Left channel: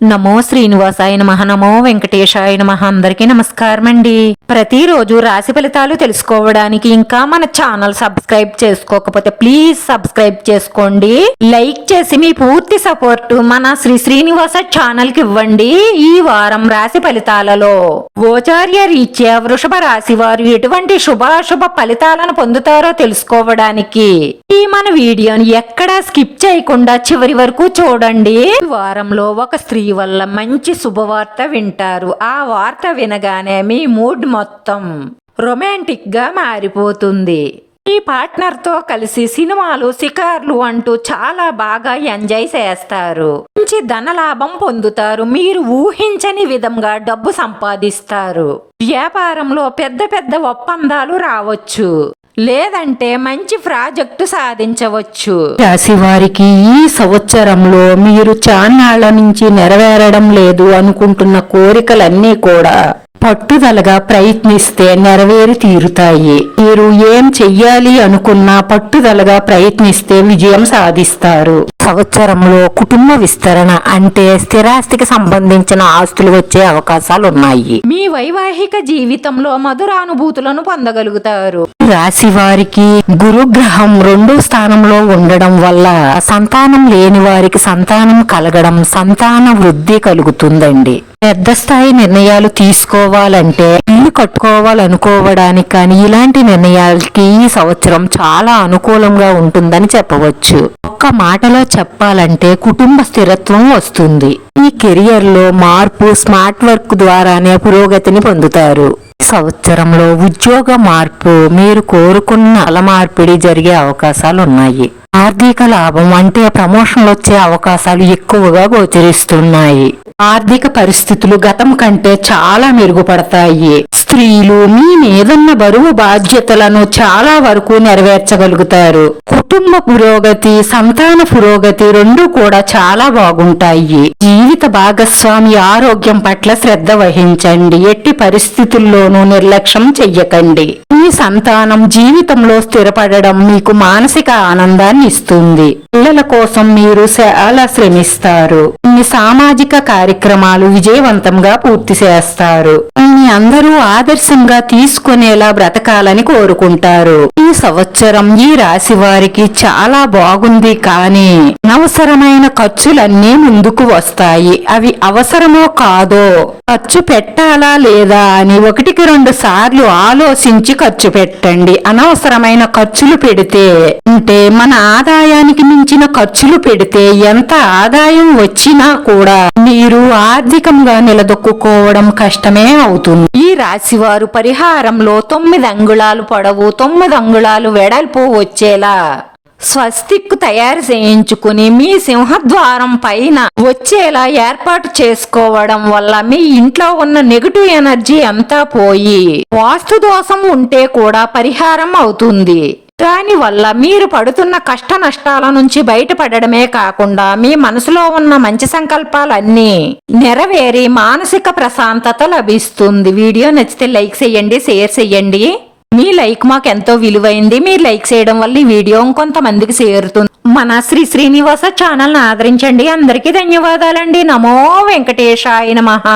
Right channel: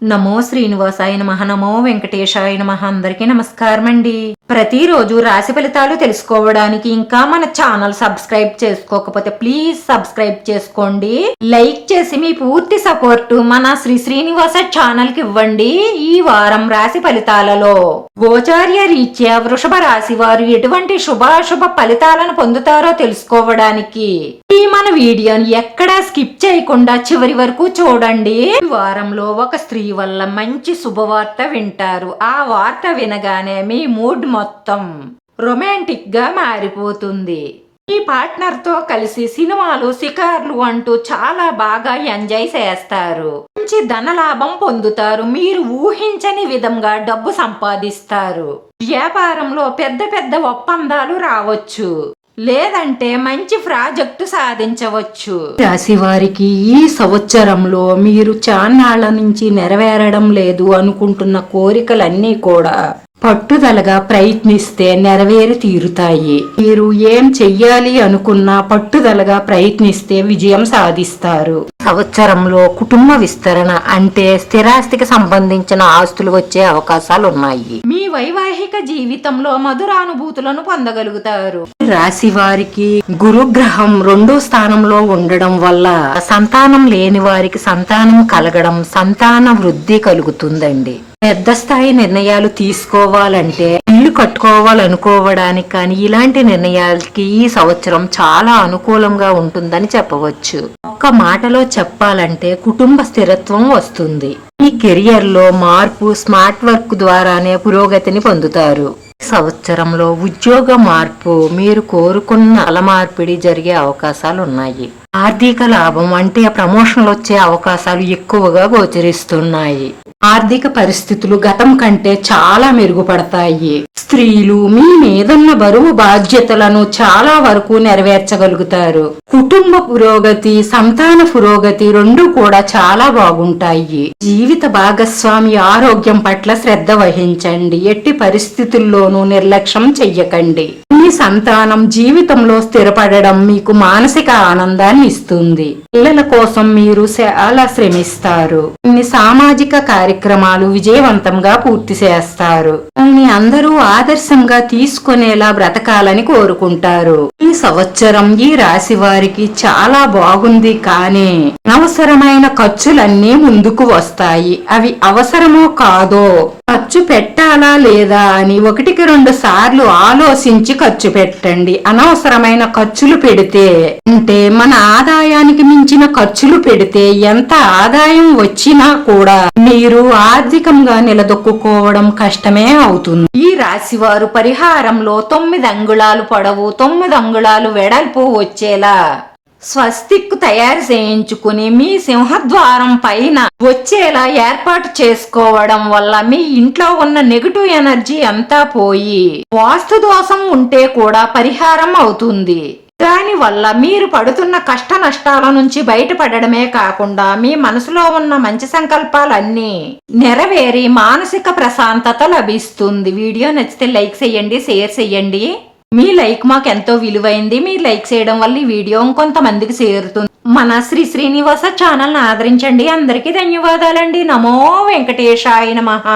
నమో శ్రీనివాసాయ నమః. నమో వెంకటేశాయ నమః. అందరికీ నమస్కారం అండి. ప్రతిరోజు రాశి ఫలితాలు తెలుసుకోవడానికి ఇంకా మన ఛానల్ సబ్స్క్రైబ్ చేసుకోకపోతే ప్లీజ్ సబ్స్క్రైబ్ చేసుకోండి. లైక్ చేసి మీ పూర్తి సపోర్ట్ మన శ్రీనివాస ఛానల్ కి ఇవ్వండి. ఈ వారం రాశి ఫలితాలలో గోచార్య రీత్యా వృషభ రాశి వారు ఎటువంటి శుభాశుభ ఫలితాలను పొందుతారో తెలుసుకోవడానికి ఈ మన వీడియోని ఎక్కడా స్కిప్ చేయకుండా చివరి వరకు చూడండి. ఈ వారంలో ఒక స్త్రీ వల్ల మంచి శుభవార్త వింటారు. ఆ వార్త వినగానే మీ మూడ్ మొత్తం రొమాంటిక్ గా మారిపోతుంది. మీ పార్ట్నర్ తో కలిసి సినిమాలు షికార్లు అంటూ చాలా బాగా ఎంజాయ్ చేస్తారు. మంచి ధనలాభం పొందుతారు. మీరు ఊహించని విధంగా డబ్బు సంపాదిస్తారు. వ్యాపారంలో పెద్ద పెద్ద ఒప్పందాలు రావచ్చు, లేదంటే మంచి ప్రాజెక్టు సాధించవచ్చు. రాశి వారికి ఈ సంవత్సరంలో మీరు చాన్నాళ్ల నుంచి నెరవేరడం లేదు అనుకుంటున్న కోరికలన్నీ కూడా పట్టుదలగా ప్రయత్నిస్తే నెరవేరి తీరుతాయి. మీరు ఏం చెయ్యాలి అనుకున్నా పట్టుదలగా ప్రయత్నిస్తే విజయం సాధిస్తారు. సంవత్సరంలో కుటుంబ విస్తరణ అంటే స్థిరాస్తికి సంబంధించిన ఆస్తులు వచ్చే అవకాశాలు ఉన్నాయి. మీ వైవాహిక జీవితంలో మధురానుభూతులను పొందగలుగుతారు. రాశి వారికి గురుగ్రహం 2వ స్థానంలో ఉండడం వల్ల సంతానం లేని వారికి సంతానం కలగడం, సంతాన వృద్ధి కలుగుతుందండి. పెద్ద స్థాయి నిర్ణయాలు తీసుకోవాలంటే, ఇల్లు కట్టుకోవాలనుకోవడానికి కానీ ఇలాంటి నిర్ణయాలకి ఈ సంవత్సరం చాలా అనుకూలంగా ఉంటుందని చెప్పవచ్చు. ఒక్క మాటలో చెప్పాలంటే కుటుంబ స్థిరత్వం వస్తుంది. మీ కెరియర్ లో మార్పు స్మార్ట్ వర్క్ ద్వారానే పురోగతిని పొందుతారు. సంవత్సరంలో ఉద్యోగ మార్పు, మీరు కోరుకున్న మార్పిడి జరిగే అవకాశాలు ఉన్నాయి. ఆర్థిక లాభం అంటే ప్రమోషన్లు వచ్చే అవకాశాలు ఎక్కువగా గోచరిస్తున్నాయి. ఆర్థిక పరిస్థితులు గతం కంటే చాలా మెరుగుపడతాయి. స్త్రీలు మీ మీదున్న బరువు బాధ్యతలను చాలా వరకు నెరవేర్చగలుగుతారు. కుటుంబ పురోగతి, సంతాన పురోగతి రెండు కూడా చాలా బాగుంటాయి. జీవిత భాగస్వామి ఆరోగ్యం పట్ల శ్రద్ధ వహించండి. ఎట్టి పరిస్థితుల్లోనూ నిర్లక్ష్యం చెయ్యకండి. మీ సంతానం జీవితంలో స్థిరపడడం మీకు మానసిక ఆనందాన్ని ఇస్తుంది. పిల్లల కోసం మీరు చాలా శ్రమిస్తారు. కొన్ని సామాజిక కార్యక్రమాలు విజయవంతంగా పూర్తి చేస్తారు. అందరూ ఆదర్శంగా తీసుకునేలా బ్రతకాలని కోరుకుంటారు. ఈ సంవత్సరం ఈ రాశి వారికి చాలా బాగుంది, కానీ అనవసరమైన ఖర్చులన్నీ ముందుకు వస్తాయి. అవి అవసరమో కాదో, ఖర్చు పెట్టాలా లేదా అని 1-2 సార్లు ఆలోచించి ఖర్చు పెట్టండి. అనవసరమైన ఖర్చులు పెడితే, అంటే మన ఆదాయానికి మించిన ఖర్చులు పెడితే ఎంత ఆదాయం వచ్చినా కూడా మీరు ఆర్థికంగా నిలదొక్కుకోవడం కష్టమే అవుతుంది. ఈ రాశి వారు పరిహారంలో 9 అంగుళాలు పొడవు 9 అంగుళాలు వెడల్పు వచ్చేలా స్వస్తిక్ తయారు చేయించుకుని మీ సింహద్వారం పైన వచ్చేలా ఏర్పాటు చేసుకోవడం వల్ల మీ ఇంట్లో ఉన్న నెగటివ్ ఎనర్జీ అంతా పోయి వాస్తు దోషం ఉంటే కూడా పరిహారం అవుతుంది. దాని వల్ల మీరు పడుతున్న కష్ట నష్టాల నుంచి బయటపడడమే కాకుండా మీ మనసులో ఉన్న మంచి సంకల్పాలన్నీ నెరవేరి మానసిక ప్రశాంతత లభిస్తుంది. వీడియో నచ్చితే లైక్ చేయండి, షేర్ చేయండి. మీ లైక్ మాకు ఎంతో విలువైంది. మీరు లైక్ చేయడం వల్ల ఈ వీడియో ఇంకొంతమందికి చేరుతుంది. మన శ్రీనివాస ఛానల్ ని ఆదరించండి. అందరికీ ధన్యవాదాలండి. నమో వెంకటేశాయ నమః.